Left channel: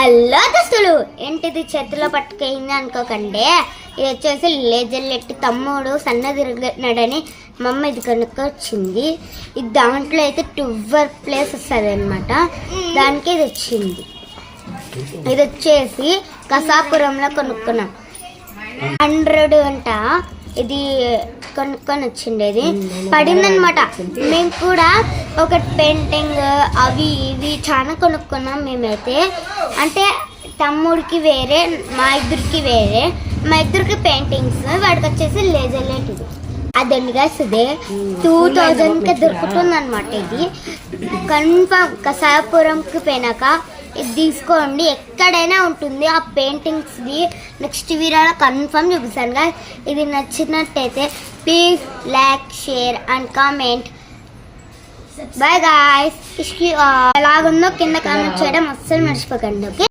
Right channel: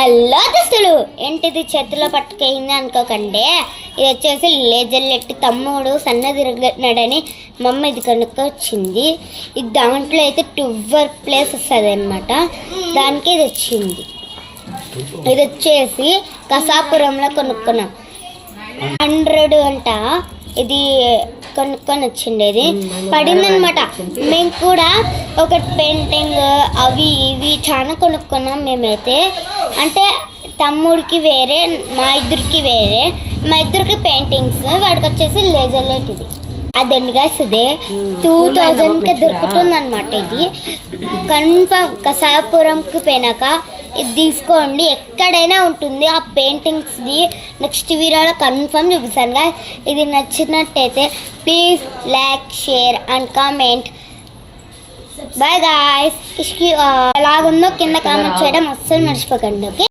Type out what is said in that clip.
Hello దోస్తులు, ఏంటిది చేతిలో పట్టుకెళ్ళింది అనుకోకండి. ఇది వచ్చేసి లేజర్లెట్టి తమ్ముడు సన్న తిరగనాడని మమ్మ ఇది కనుక్కొచ్చింది. ఇది దాంట్లో అయితే 12 ప్లేస్ వస్తుంది అనమాట. దానికి ఇది వచ్చింది. ఇది వచ్చేసి కసాపురంలో కొనుక్కున్నాం. 100 అంట. ఇది కొనుక్కొని వచ్చిండేది పడిందనమాట. మేము కూడా ఒక పెయింటింగ్ అవి ఇవి చాలా కొనుక్కున్నాం మేమైతే. అంటే తమ్ముడికి వేరే, మా ఇద్దరికి వేరే. మా ఇద్దరికి పెయింటింగ్స్, వాడికి వచ్చేసి లేజర్ లైట్. ఇది అదండి గాయస్, ఇదే 2000కి దొరుకుతుంది అనమాట. ఇది కన్ఫర్మ్ కసాపురంకి పోయినాక ఇది తీసుకోండి, ఎక్కడైనా ఉంటుంది ఆ పెయింటింగ్స్ది. నెక్స్ట్ వీడియోలో కన్ఫర్మ్ చూపిస్తాను గాయస్. ఇది నచ్చినట్టయితే please like, share and comment. Bye guys. ఎలాగుందో కింద కామెంట్ చేయడం అస్సలు మర్చిపోకండి. ఓకే.